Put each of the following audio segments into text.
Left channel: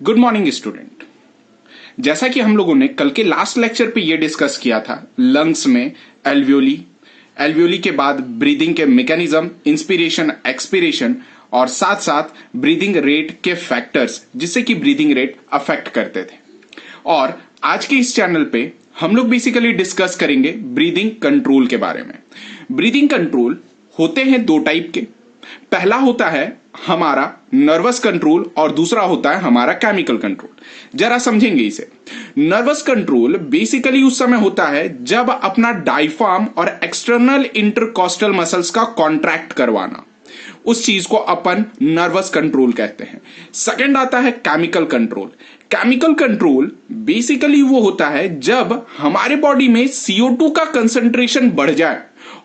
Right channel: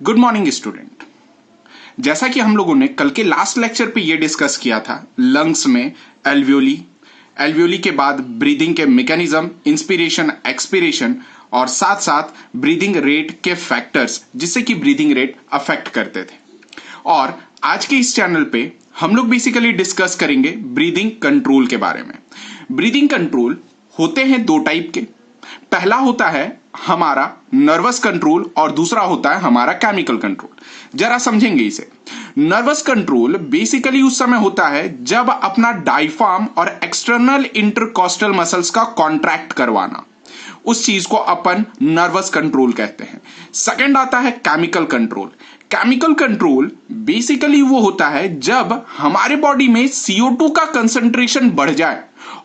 Good morning student. जैसा कि हम लोगों ने कल के लास्ट लेक्चर पे ये डिस्कस किया था, लंग्स में एल्वियोली, एल्वियोली के बाद ब्रीदिंग के मैकेनिज्म, इंस्पिरेशन, एक्सपिरेशन और साथ साथ ब्रीदिंग रेट के फैक्टर्स जिससे कि ब्रीदिंग रेट अफेक्ट करते थे। और आज के इस चैनल पे हम लोग बेसिकली डिस्कस करेंगे ब्रीदिंग कंट्रोल के बारे में। ब्रीदिंग कंट्रोल होते हैं दो टाइप के। पहला होता है हमारा नर्वस कंट्रोल और दूसरा होता है हमारा केमिकल कंट्रोल। जरा समझेंगे इसे। नर्वस कंट्रोल बेसिकली उस समय होता है जब अपना डायफ्राम और एक्सटर्नल इंटरकॉस्टल मसल्स का कॉन्ट्रैक्ट करवाना, उस चीज को अपन नर्वस कंट्रोल कहते हैं। सेकंड आता है chemical control. Chemical control basically वो होता है जब हमारे बॉडी में CO2 का कंसंट्रेशन बढ़ जाए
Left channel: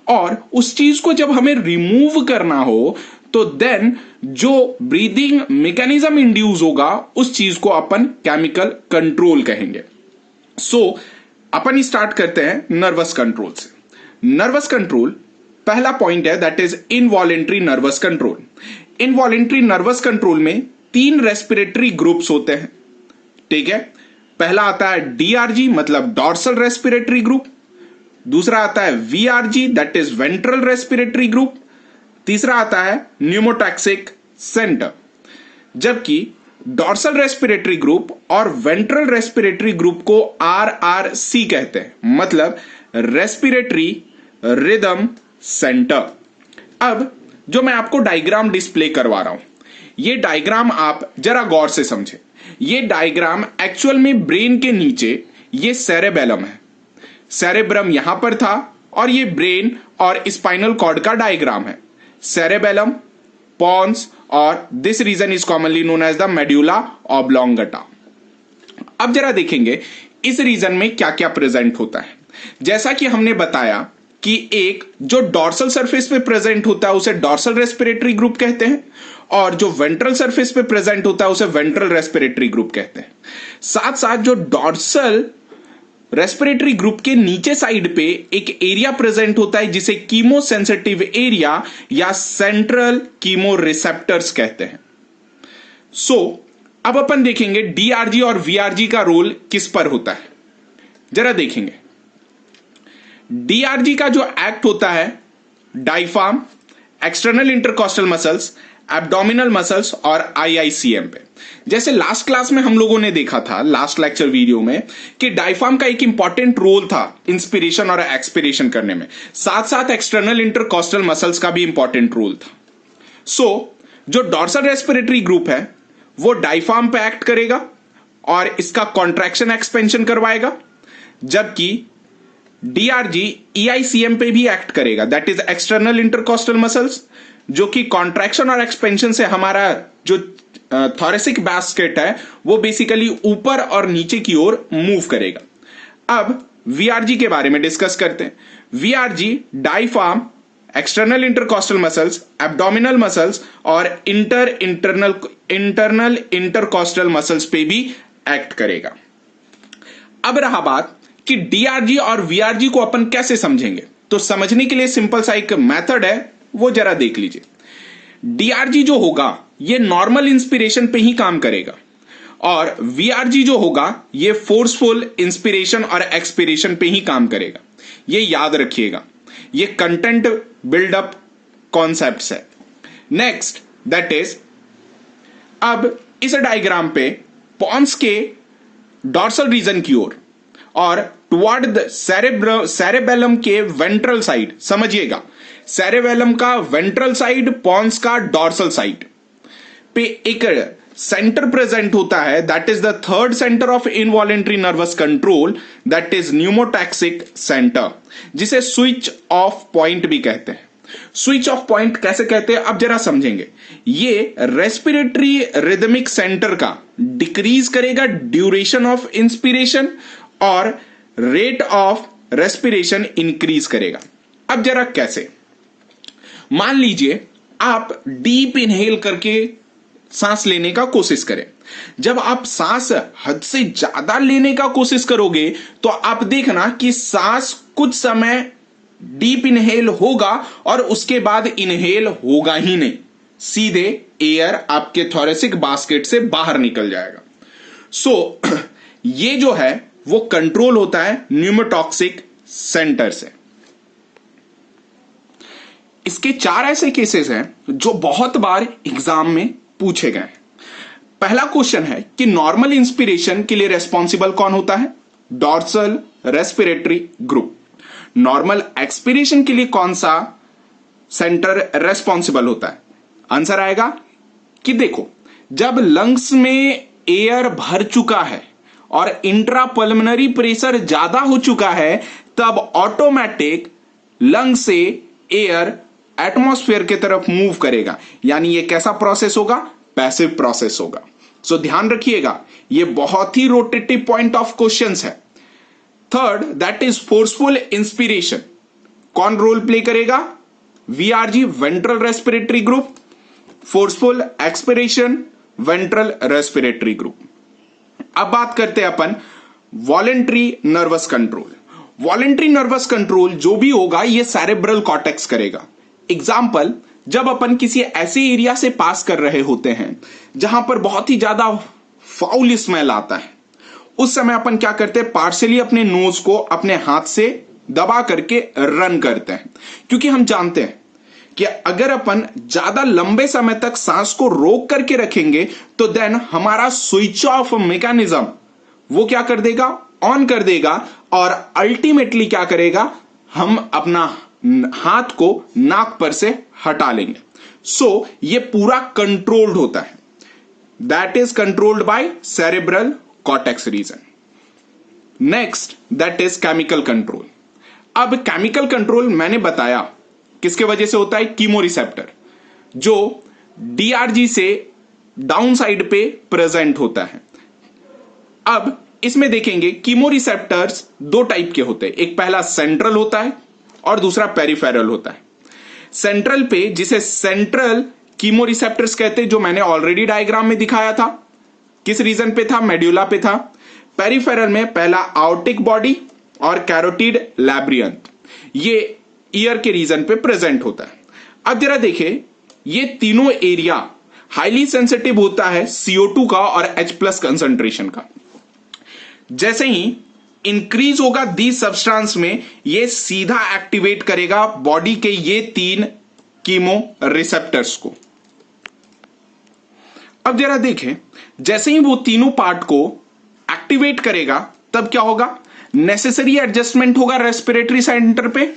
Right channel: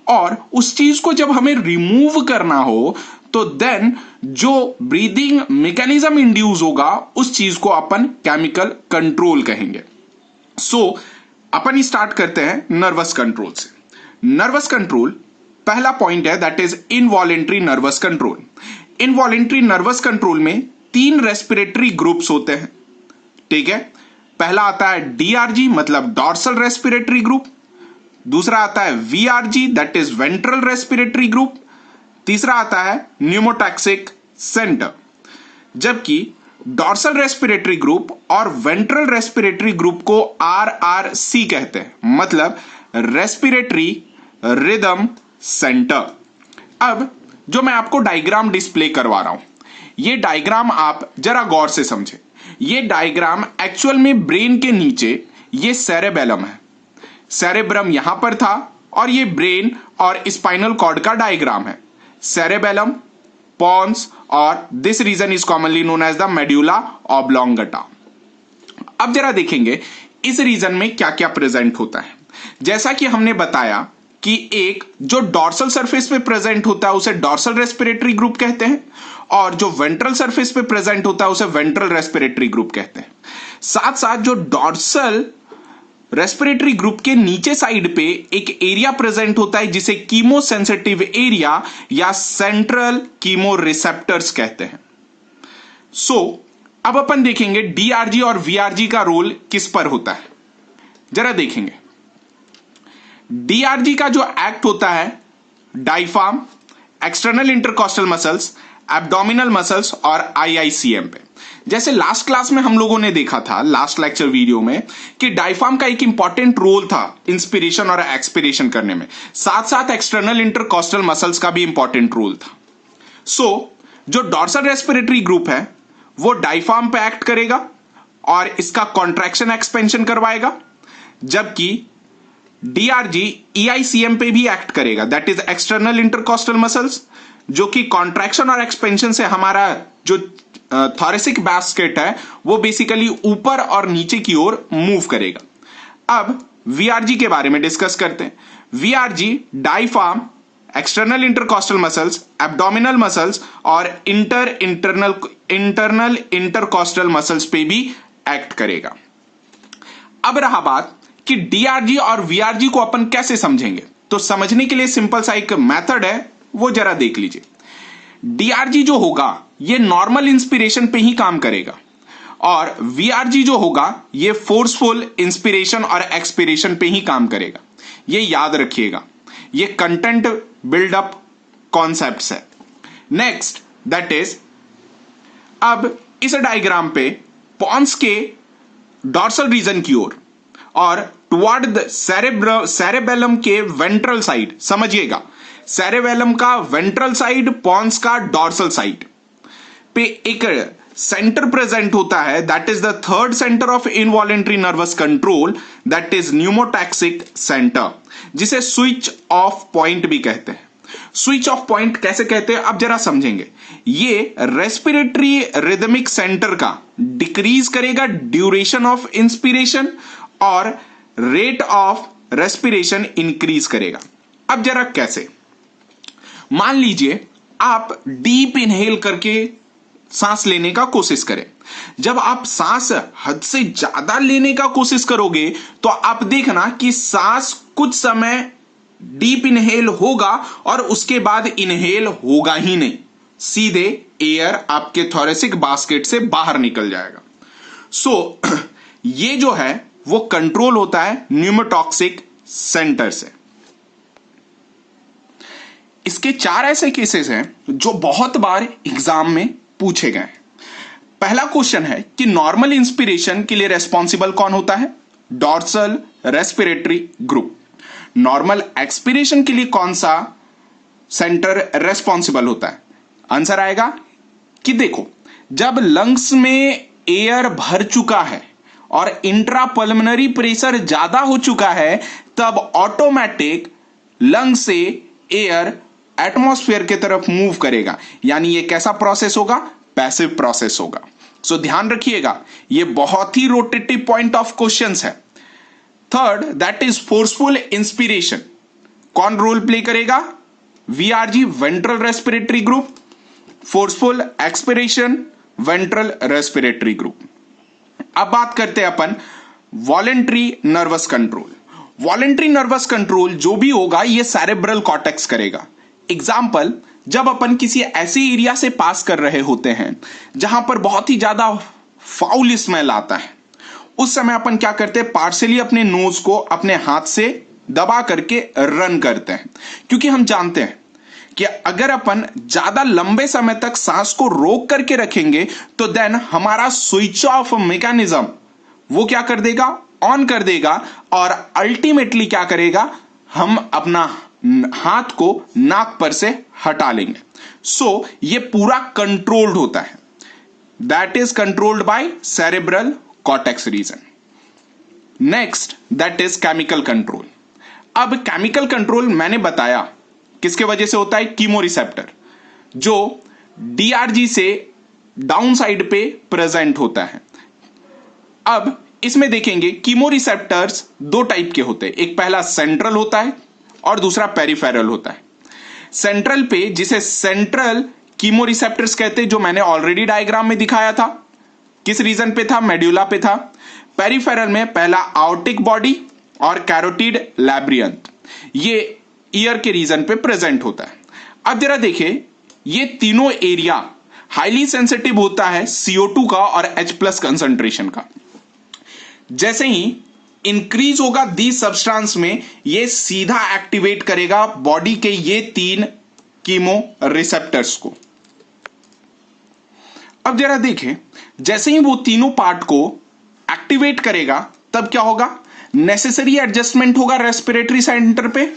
और उस चीज को जब हमें रिमूव करना हो तो देन जो ब्रीदिंग मैकेनिज्म इंड्यूस होगा उस चीज को अपन केमिकल कंट्रोल कहेंगे। सो अपन स्टार्ट करते हैं नर्वस कंट्रोल से। नर्वस कंट्रोल पहला पॉइंट है that is involuntary nervous control. Involuntary nervous control में 3 रेस्पिरेटरी ग्रुप्स होते हैं, ठीक है। पहला आता है DRG मतलब डॉर्सल रेस्पिरेटरी ग्रुप, दूसरा आता है VRG that is ventral respiratory group, तीसरा आता है न्यूमोटैक्सिक सेंटर। जबकि डॉर्सल रेस्पिरेटरी ग्रुप और वेंट्रल रेस्पिरेटरी ग्रुप को RRC कहते हैं, मतलब रेस्पिरेटरी रिदम सेंटर। अब जो मैं आपको डायग्राम डिस्प्ले करवा रहा हूं, ये डायग्राम आप जरा गौर से समझें। ये डायग्राम एक्चुअल में ब्रेन के नीचे ये सेरेबेलम है। सेरेब्रम यहां पर था और ये ब्रेन और स्पाइनल कॉर्ड का डायग्राम है। सेरेबेलम, पॉन्स और this region is commonly known as the medulla oblongata. अब जरा देखेंगे इस रीजन में क्या क्या प्रेजेंट होता है। जैसा कि हमने बताया कि एक जो डॉर्सल सरफेस पे प्रेजेंट होता है उसे डॉर्सल रेस्पिरेटरी ग्रुप कहते हैं और जो वेंट्रल सरफेस पे प्रेजेंट होता है उसे वेंट्रल रेस्पिरेटरी ग्रुप कहते हैं। साथ साथ जो डॉर्सल रेस्पिरेटरी ग्रुप के नीचे साइड पे एक एरिया प्रेजेंट होता है जिसे कीमो सेंसिटिव एरिया या सेंट्रल कीमो रिसेप्टर्स कहते हैं। सो अब अपन देखेंगे DRG और VRG का रोल किस पर होता है। जरा देखेंगे DRG का जो एक्ट होता है diaphragm, external intercostal muscles, abdominal muscles और IICM पे। जैसे लास्ट क्लास में हम लोगों ने देखा था लास्ट लेक्चर वीडियो में कि डायफ्राम का एक इंपॉर्टेंट रोल था इंस्पिरेशन और एक्सपिरेशन करने में, साथ साथ एक्सटर्नल इंटरकॉस्टल मसल्स का भी इंपॉर्टेंट रोल था। सो जो डॉर्सल रेस्पिरेटरी ग्रुप है वो डायफ्राम पे एक्ट करेगा और इसका कॉन्ट्रैक्शन एक्सपेंशन करवाएगा, जबकि DRG EICM पे भी एक्ट करेगा that is external intercostal muscles, जो कि कॉन्ट्रैक्शन और एक्सपेंशन से हमारा जो थोरेसिक बास्केट है वो बेसिकली ऊपर और नीचे की ओर मूव करेगा। अब VRG के बारे में डिस्कस करते हैं। VRG diaphragm, external intercostal muscles, abdominal muscles और इंटरनल इंटरकॉस्टल मसल्स पे भी एक्ट करेगा। अब रहा बात कि DRG और VRG को अपन कैसे समझेंगे, तो समझने के लिए सिंपल सा एक मेथड है, वो जरा देख लीजिए। DRG जो होगा ये नॉर्मल इंस्पिरेशन पे ही काम करेगा और VRG जो होगा ये फोर्सफुल इंस्पिरेशन और एक्सपिरेशन पे ही काम करेगा। ये याद रखिएगा, ये कंटेंट बिल्डअप कॉन्सेप्ट्स है। नेक्स्ट दैट इज, अब इस डायग्राम पे पॉन्स के डॉर्सल रीजन की ओर और टुवर्ड द सेरेबेलम के वेंट्रल साइड, समझिएगा सेरेबेलम का वेंट्रल साइड, पॉन्स का डॉर्सल साइड पे एक सेंटर प्रेजेंट होता है that is the third centre of involuntary nervous control that is pneumotaxic centre, जिसे स्विच ऑफ पॉइंट भी कहते हैं। स्विच ऑफ पॉइंट कैसे कहते हैं अब जरा समझेंगे। ये रेस्पिरेटरी रिदमिक सेंटर का डिक्रीज करेगा ड्यूरेशन ऑफ इंस्पिरेशन और रेट ऑफ रेस्पिरेशन इंक्रीज करेगा। अब जरा कैसे, मान लीजिए आप डीप इनहेल करके सांस लेने का कोशिश करें। जब आप सांस हद से ज्यादा लेने का कोशिश करोगे तो आप देखना कि सांस कुछ समय डीप इनहेल होगा और उसके बाद इनहेल होगा ही नहीं, सीधे एयर आपके थोरेसिक बास्केट से बाहर निकल जाएगा। सो ये जो है वो कंट्रोल होता है न्यूमोटॉक्सिक सेंटर से। इसके 4 ऐसे केसेस हैं जो बहुत बार एग्जाम में पूछे गए। पहला क्वेश्चन है कि नॉर्मल इंस्पिरेशन के लिए रेस्पॉन्सिबल कौन होता है? Dorsal respiratory group. Normal expiration के लिए कौन सा सेंटर रेस्पॉन्सिबल होता है? आंसर आएगा कि देखो, जब लंग्स में एयर भर चुका है और इंट्रापल्मोनरी प्रेशर ज्यादा हो चुका है, तब ऑटोमेटिक लंग से एयर एटमॉस्फेयर की तरफ मूव करेगा। यानी ये कैसा प्रोसेस होगा? पैसिव प्रोसेस होगा। सो ध्यान रखिएगा, ये बहुत ही रोटेटिव पॉइंट ऑफ क्वेश्चंस है। Third, that is forceful inspiration. कौन रोल प्ले करेगा? VRG ventral respiratory group. Forceful expiration ventral respiratory group. अब बात करते हैं अपन voluntary nervous control. Voluntary nervous control जो भी होगा ये सेरेब्रल कॉर्टेक्स करेगा। एग्जाम्पल, जब अपन किसी ऐसे एरिया से पास कर रहे होते हैं जहां पर बहुत ही ज्यादा फाउल स्मेल आता है, उस समय अपन क्या करते हैं? पार्शियली अपने नोज को अपने हाथ से दबा करके रन करते हैं, क्योंकि हम जानते हैं कि अगर अपन ज्यादा लंबे समय तक सांस को रोक करके रखेंगे तो देन हमारा स्विच ऑफ मैकेनिज्म वो क्या कर देगा? ऑन कर देगा, और अल्टीमेटली क्या करेगा? हम अपना हाथ को नाक पर से हटा लेंगे। सो ये पूरा कंट्रोल्ड होता है। That is controlled by cerebral cortex region. Next, that is chemical control. अब केमिकल कंट्रोल मैंने बताया किसके वजह से होता है? कीमो रिसेप्टर, जो डीआरजी से डाउन साइड पे प्रेजेंट होता है। अब इसमें देखेंगे कीमो रिसेप्टर्स 2 टाइप के होते हैं। एक पहला सेंट्रल होता है और दूसरा पेरिफेरल होता है। सेंट्रल पे, जिसे सेंट्रल कीमो रिसेप्टर्स कहते हैं, जो मैंने ऑलरेडी डायग्राम में दिखाया था, किस रीजन पे था? मेड्यूला पे था। पेरिफेरल में पहला आउटिक बॉडी और कैरोटिड लैब्रियंथ, ये ईयर के रीजन पे प्रेजेंट होता है। अब जरा देखें, ये तीनों एरिया हाईली सेंसिटिव होता है CO2 का और H+ कंसंट्रेशन का। जैसे ही इंक्रीज होगा दी सब्सटेंस में, ये सीधा एक्टिवेट करेगा बॉडी के ये 3 कीमो रिसेप्टर्स को। अब जरा देखें, जैसे ही वो तीनों पार्ट को एक्टिवेट करेगा तब क्या होगा? नेसेसरी एडजस्टमेंट होगा रेस्पिरेटरी सेंटर पे,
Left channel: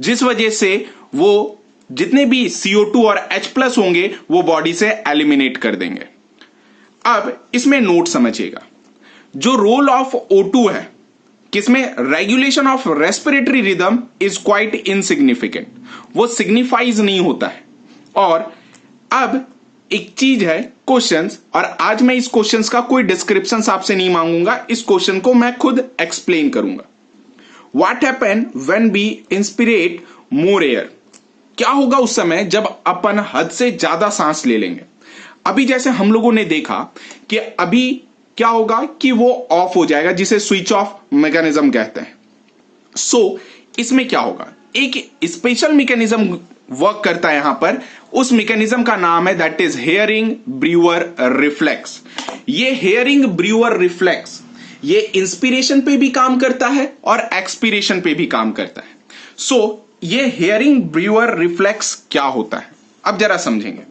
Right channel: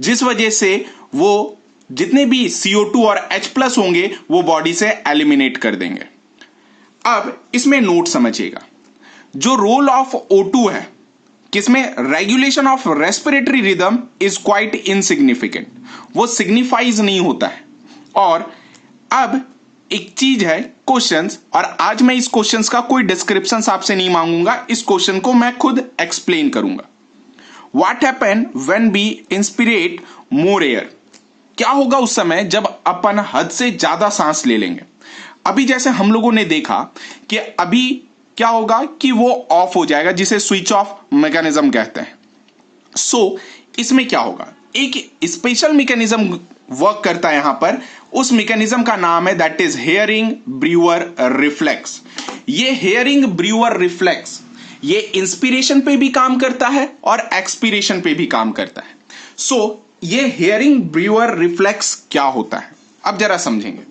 जिस वजह से वो जितने भी CO2 और H+ होंगे वो बॉडी से एलिमिनेट कर देंगे। अब इसमें नोट समझिएगा, जो रोल ऑफ O2 है किसमें? Regulation of respiratory rhythm is quite insignificant, वो सिग्निफाइज नहीं होता है। और अब एक चीज है क्वेश्चंस, और आज मैं इस क्वेश्चंस का कोई डिस्क्रिप्शन आपसे नहीं मांगूंगा, इस क्वेश्चन को मैं खुद एक्सप्लेन करूंगा। What happen when we inspirate more air? क्या होगा उस समय जब अपन हद से ज्यादा सांस ले लेंगे? अभी जैसे हम लोगों ने देखा कि अभी क्या होगा कि वो ऑफ हो जाएगा, जिसे स्विच ऑफ मैकेनिज्म कहते हैं। सो इसमें क्या होगा? एक स्पेशल मैकेनिज्म वर्क करता है यहां पर। उस मैकेनिज्म का नाम है that is hearing Brewer reflex. ये हेयरिंग ब्रीवर रिफ्लेक्स ये इंस्पिरेशन पे भी काम करता है और एक्सपिरेशन पे भी काम करता है। सो ये हेयरिंग ब्रीवर रिफ्लेक्स क्या होता है, अब जरा समझेंगे।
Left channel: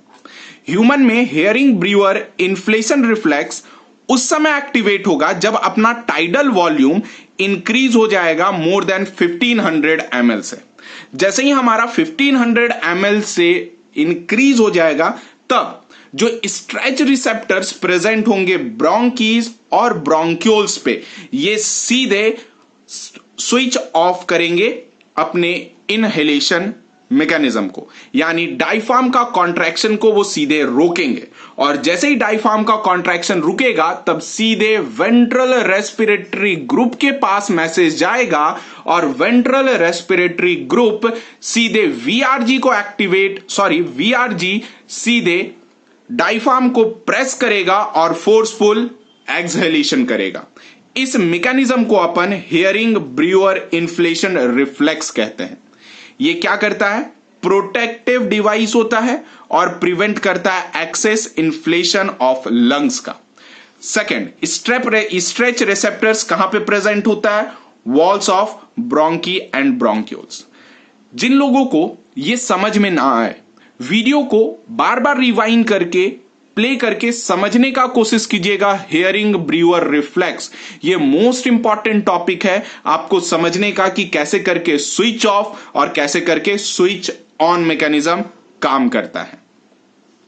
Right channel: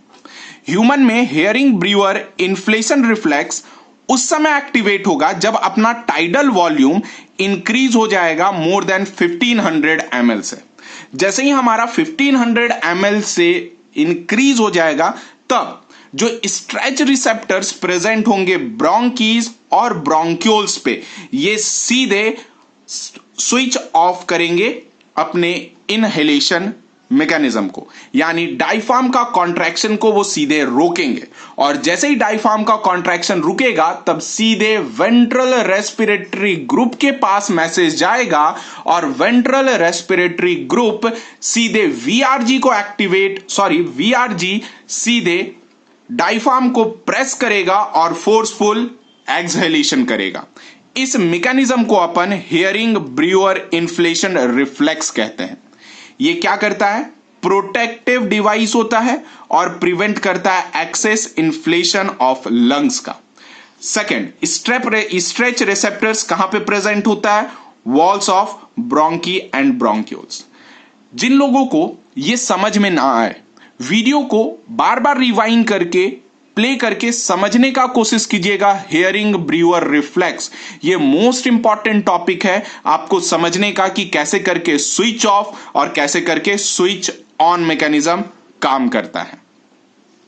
ह्यूमन में हेयरिंग ब्रीवर इन्फ्लेशन रिफ्लेक्स उस समय एक्टिवेट होगा जब अपना टाइडल वॉल्यूम इंक्रीज हो जाएगा मोर देन 1500 ml से। जैसे ही हमारा 1500 ml से इंक्रीज हो जाएगा, तब जो स्ट्रेच रिसेप्टर्स प्रेजेंट होंगे ब्रोंकीज और ब्रोंक्यूल्स पे, ये सीधे स्विच ऑफ करेंगे अपने इनहेलेशन मैकेनिज्म को, यानी डायफ्राम का कॉन्ट्रैक्शन को वो सीधे रोकेंगे। और जैसे ही डायफ्राम का कॉन्ट्रैक्शन रुकेगा तब सीधे वेंट्रल रेस्पिरेटरी ग्रुप के पास मैसेज जाएगा और वेंट्रल रेस्पिरेटरी ग्रुप सीधे वीआरजी सीधे डायफ्राम को प्रेस करेगा और फोर्सफुल एक्सहेलेशन करेगा। इस मैकेनिज्म को अपन हेयरिंग ब्रीवर इन्फ्लेशन रिफ्लेक्स कहते हैं। ये क्या करता है? प्रोटेक्टिव डिवाइस होता है और प्रिवेंट करता है एक्सेस इन्फ्लेशन ऑफ लंग्स का। सेकेंड, स्ट्रेच रिसेप्टर्स कहां पे प्रेजेंट होता है? Walls of bronchi and bronchioles. जिन लोगों को ये समझ में ना आए, वीडियो को बार बार रिवाइंड करके प्ले करके समझने का कोशिश कीजिएगा। हेयरिंग ब्रीवर रिफ्लेक्स, ये मोस्ट इंपॉर्टेंट टॉपिक है आपको समझने का कि कैसे करके स्विच ऑफ और कैसे करके स्विच ऑन मैकेनिज्म काम करता है।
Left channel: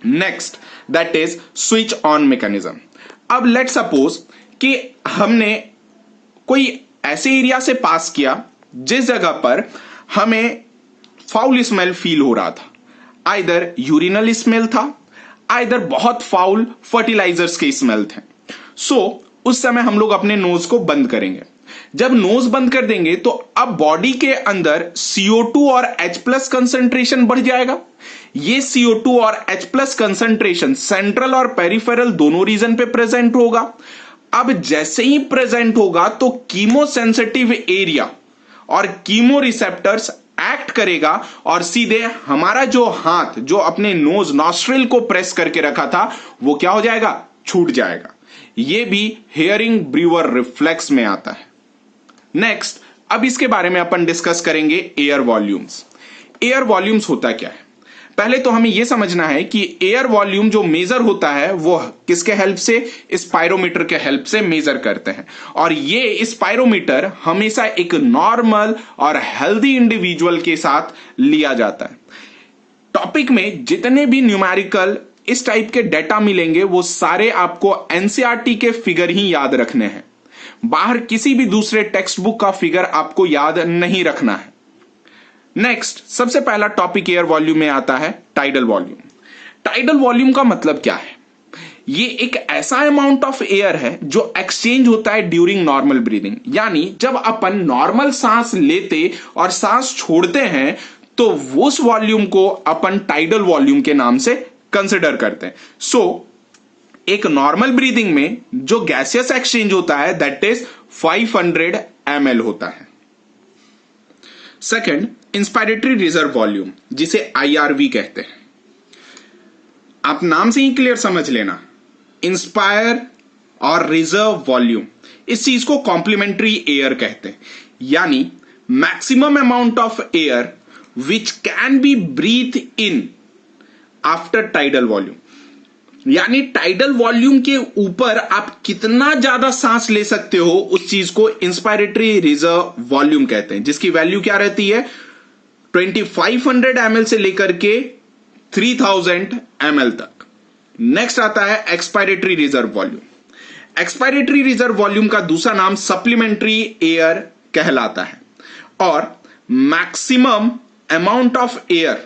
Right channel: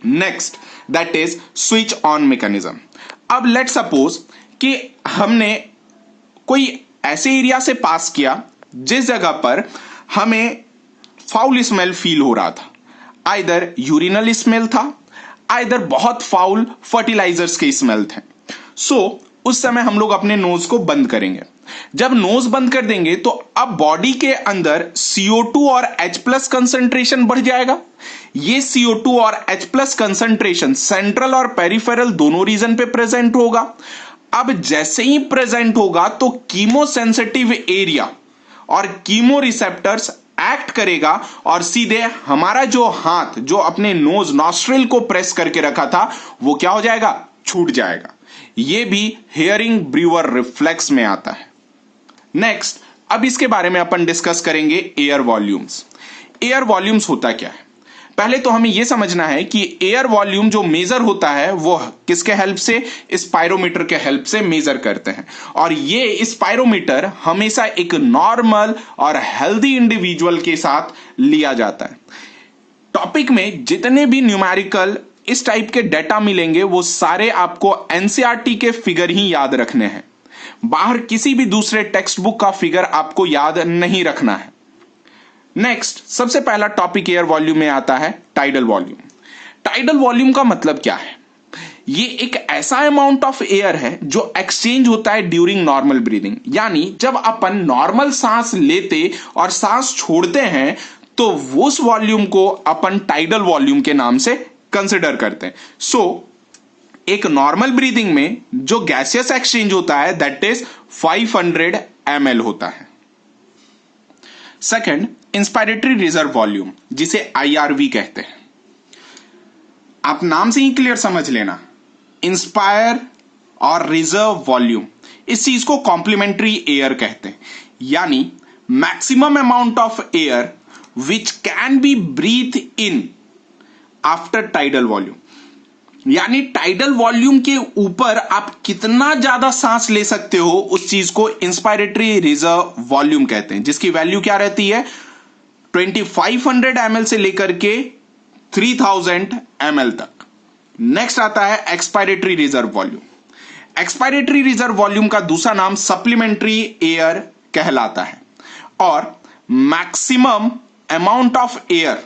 Next, that is switch on mechanism. अब लेट सपोज कि हमने कोई ऐसे एरिया से पास किया जिस जगह पर हमें फाउल स्मेल फील हो रहा था, आइदर यूरिनल स्मेल था, आइदर बहुत फाउल फर्टिलाइजर्स के स्मेल थे। सो उस समय हम लोग अपने नोज को बंद करेंगे। जब नोज बंद कर देंगे तो अब बॉडी के अंदर CO2 और H+ कंसंट्रेशन बढ़ जाएगा। ये CO2 और H+ कंसंट्रेशन सेंट्रल और पेरिफेरल दोनों रीजन पे प्रेजेंट होगा। अब जैसे ही प्रेजेंट होगा तो कीमो सेंसिटिव एरिया और कीमो रिसेप्टर्स एक्ट करेगा और सीधे हमारा जो हाथ जो अपने नोज नॉस्ट्रिल को प्रेस करके रखा था वो क्या हो जाएगा? छूट जाएगा। ये भी हेयरिंग ब्रीवर रिफ्लेक्स में आता है। नेक्स्ट, अब इसके बारे में अपन डिस्कस करेंगे एयर वॉल्यूम्स। एयर वॉल्यूम्स होता क्या है? पहले तो हमें यह समझना है कि एयर वॉल्यूम जो मेजर होता है वो किसके हेल्प से? स्पायरोमीटर के हेल्प से मेजर करते हैं। और ये स्पायरोमीटर हमेशा एक नॉर्मल और हेल्दी इंडिविजुअल के साथ लिया जाता है। टॉपिक में जितने भी न्यूमेरिकल इस टाइप के डेटा मिलेंगे वो सारे आपको एनसीईआरटी के फिगर ही याद रखने हैं। बाहर किसी भी दूसरे टेक्स्ट बुक का फिगर आपको याद नहीं रखना है। नेक्स्ट, सबसे पहला टॉपिक एयर वॉल्यूम में आता है टाइडल वॉल्यूम। टाइडल वॉल्यूम का मतलब क्या है? ये एक ऐसा अमाउंट ऑफ एयर है जो एक्सचेंज होता है ड्यूरिंग नॉर्मल ब्रीदिंग। यानी जब अपन नॉर्मल सांस लेते और सांस छोड़ते हैं तो उस वॉल्यूम को अपन टाइडल वॉल्यूम के नाम से कंसिडर करते हैं। सो एक नॉर्मल ब्रीदिंग में जो गैसियस एक्सचेंज होता है दैट इज 500 ml होता है। सेकेंड, इंस्पायरेटरी रिजर्व वॉल्यूम, जिसे IRV कहते हैं। आप नाम से ही क्लियर समझ लेना, इंस्पायर और रिजर्व वॉल्यूम, इस चीज को कॉम्प्लीमेंट्री एयर कहते हैं। यानी maximum amount of air which can be breathe in after tidal volume. यानी टाइडल वॉल्यूम के ऊपर आप कितना ज्यादा सांस ले सकते हो उस चीज को इंस्पायरेटरी रिजर्व वॉल्यूम कहते हैं, जिसकी वैल्यू क्या रहती है? 2500 ml से लेकर के 3000 ml तक। नेक्स्ट आता है expiratory reserve volume. Expiratory reserve volume का दूसरा नाम सप्लीमेंट्री एयर कहलाता है। और maximum amount of air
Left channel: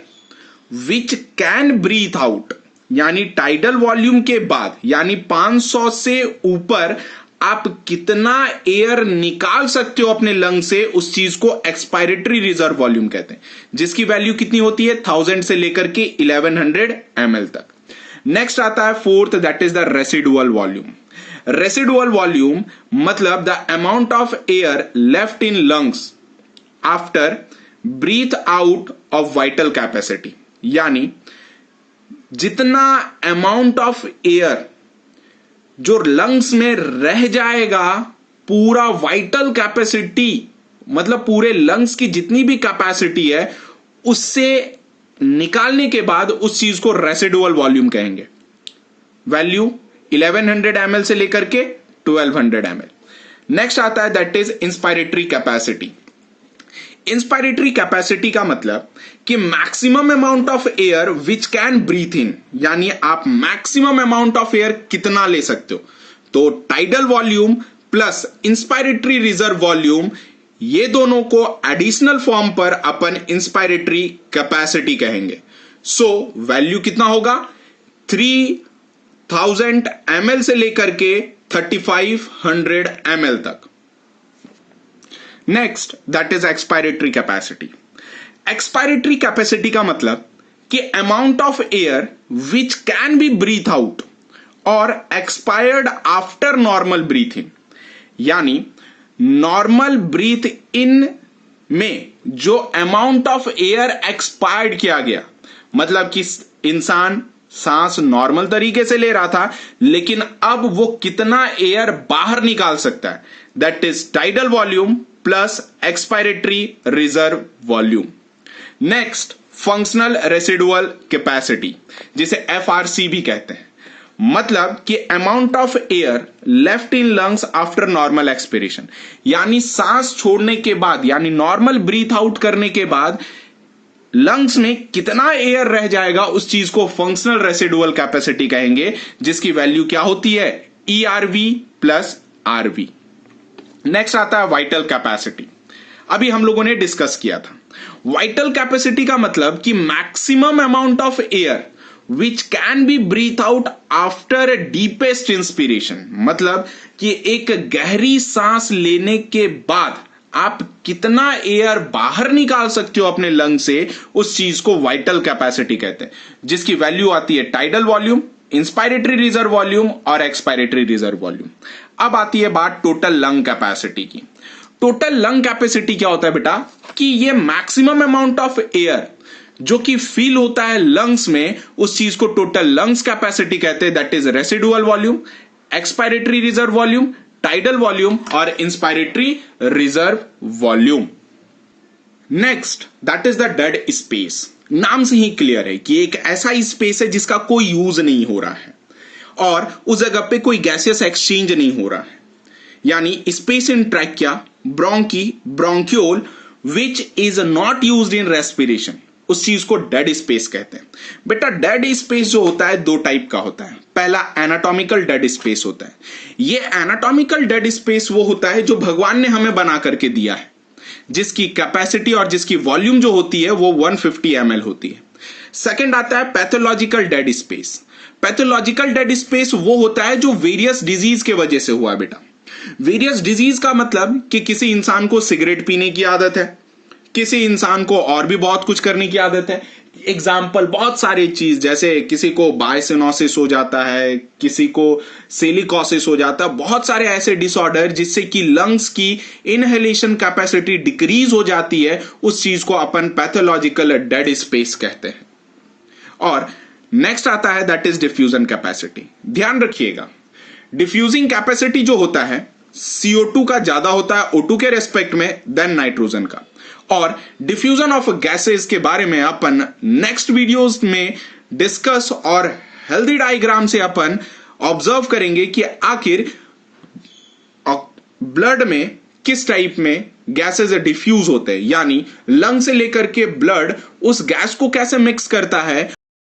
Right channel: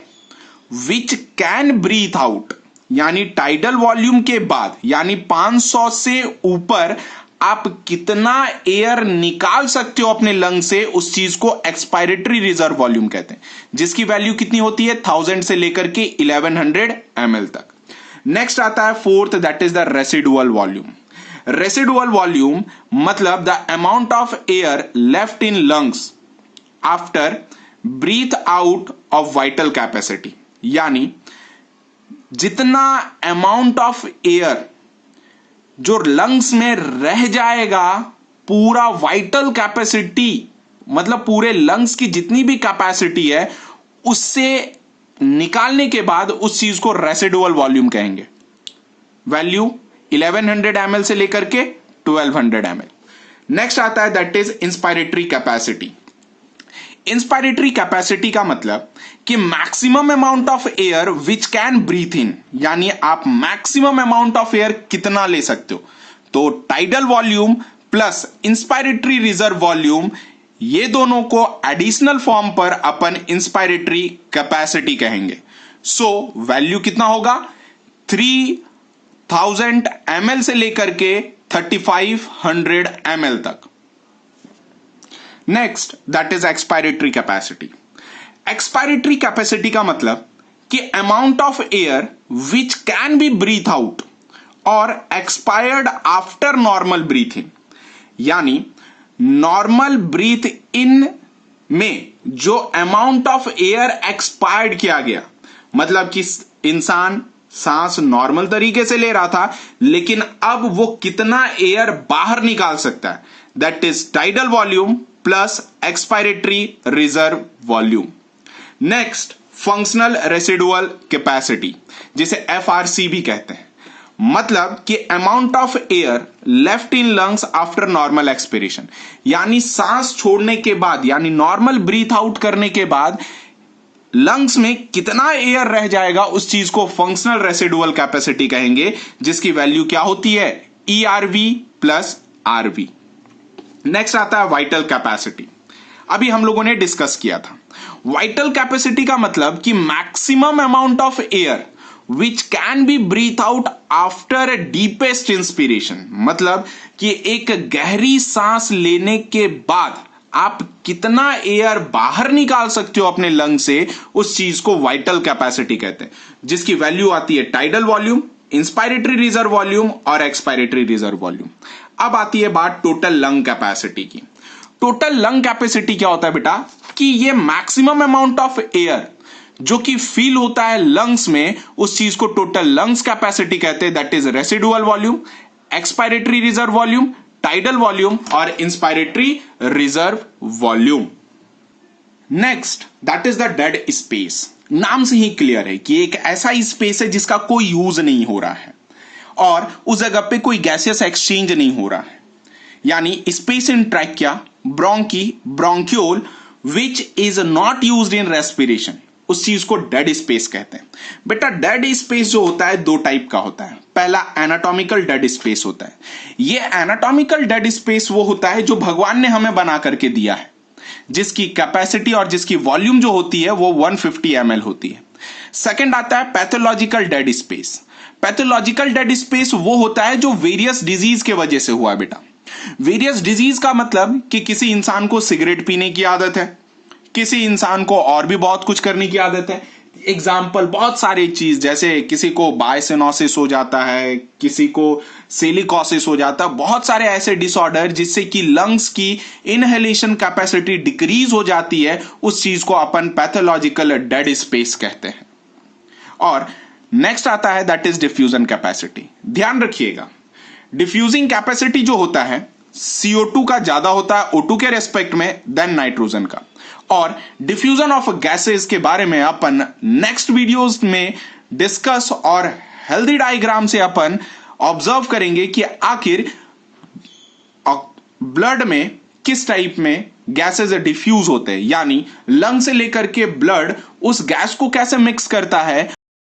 which can breathe out, यानी टाइडल वॉल्यूम के बाद यानी 500 से ऊपर आप कितना एयर निकाल सकते हो अपने लंग से, उस चीज को एक्सपायरेटरी रिजर्व वॉल्यूम कहते हैं, जिसकी वैल्यू कितनी होती है? 1000 से लेकर के 1100 ml तक। नेक्स्ट आता है fourth, that is the residual volume. Residual volume मतलब the amount of air left in lungs after breath out of vital capacity. यानी जितना अमाउंट ऑफ एयर जो लंग्स में रह जाएगा, पूरा वाइटल कैपेसिटी मतलब पूरे लंग्स की जितनी भी कैपेसिटी है उससे निकालने के बाद उस चीज को रेसिडुअल वॉल्यूम कहेंगे। वैल्यू 1100 ml से लेकर के 1200 ml। नेक्स्ट आता है that is inspiratory capacity. Inspiratory capacity का मतलब कि maximum amount of air which can breathe in, यानी आप मैक्सिमम अमाउंट ऑफ एयर कितना ले सकते हो। तो tidal volume plus inspiratory reserve volume, ये दोनों को एडिशनल फॉर्म पर अपन इंस्पायरेटरी कैपेसिटी कहेंगे। सो वैल्यू कितना होगा? 3000 ml से लेकर के 3500 ml तक। Next, that is expiratory capacity. Expiratory capacity का मतलब कि amount of air which can be breathe out और expired after normal breathe in. यानी नॉर्मल ब्रीथ इन में जो अमाउंट ऑफ एयर एक्सपायर्ड किया गया, मतलब कि इंसान सांस नॉर्मल तरीके से ले रहा था, लेकिन अब वो कितना एयर बाहर निकाल सकता है, that is tidal volume plus expiratory reserve volume. Next, functional residual capacity, जिसे FRC भी कहते हैं, मतलब कि amount of air left in lungs after normal expiration, यानी सांस छोड़ने के बाद, यानी नॉर्मल ब्रीथ आउट करने के बाद लंग्स में कितना एयर रह जाएगा, उस चीज को फंक्शनल रेसिडुअल कैपेसिटी कहेंगे, जिसकी वैल्यू क्या होती है, ERV प्लस RV। नेक्स्ट आता है वाइटल कैपेसिटी। अभी हम लोगों ने डिस्कस किया था वाइटल कैपेसिटी का मतलब कि maximum amount of air which can be breathe out after deepest inspiration, मतलब कि एक गहरी सांस लेने के बाद आप कितना एयर बाहर निकाल सकते हो अपने लंग से, उस चीज को वाइटल कैपेसिटी कहते हैं, जिसकी वैल्यू आती है tidal volume, inspiratory reserve volume और एक्सपायरेटरी रिजर्व वॉल्यूम। अब आती है बात टोटल लंग कैपेसिटी की। टोटल लंग कैपेसिटी क्या होता है बेटा, कि ये मैक्सिमम अमाउंट ऑफ एयर जो कि फील होता है लंग्स में, उस चीज को टोटल लंग्स कैपेसिटी कहते हैं, that is residual volume, expiratory reserve volume, tidal volume और inspiratory reserve volume. Next, that is the dead space. नाम से ही क्लियर है कि एक ऐसा स्पेस है जिसका कोई यूज नहीं हो रहा है और उस जगह पे कोई गैसियस एक्सचेंज नहीं हो रहा है, यानी space in trachea, bronchi, bronchiole which is not used in respiration, उस चीज को डेड स्पेस कहते हैं। बेटा डेड स्पेस जो होता है दो टाइप का होता है। पहला एनाटॉमिकल डेड स्पेस होता है। ये एनाटॉमिकल डेड स्पेस वो होता है जो भगवान ने हमें बना करके दिया है, जिसकी कैपेसिटी और जिसकी वॉल्यूम जो होती है वो 150 ml होती है। सेकंड आता है pathological dead space. Pathological dead space वो होता है जो वेरियस डिजीज के वजह से हुआ है बेटा। वेरियस डिजीज का मतलब कि किसी इंसान को सिगरेट पीने की आदत है, किसी इंसान को और भी बहुत कुछ करने की आदत है। एग्जाम्पल बहुत सारी चीज, जैसे किसी को बायसिनोसिस हो जाता है, किसी को सिलिकोसिस हो जाता है, बहुत सारे ऐसे डिसऑर्डर जिससे कि लंग्स की इनहेलेशन कैपेसिटी डिक्रीज हो जाती है, उस चीज को अपन पैथोलॉजिकल डेड स्पेस कहते हैं। और नेक्स्ट आता है दैट इज डिफ्यूजन कैपेसिटी। ध्यान रखिएगा, डिफ्यूजिंग कैपेसिटी जो होता है CO2 का ज्यादा होता है O2 के रेस्पेक्ट में देन नाइट्रोजन का। और डिफ्यूजन ऑफ गैसेस के बारे में अपन नेक्स्ट वीडियोस में डिस्कस और हेल्दी डायग्राम से अपन ऑब्जर्व करेंगे कि आखिर ब्लड में किस टाइप में गैसेस डिफ्यूज होते हैं, यानी लंग से लेकर के ब्लड उस गैस को कैसे मिक्स करता है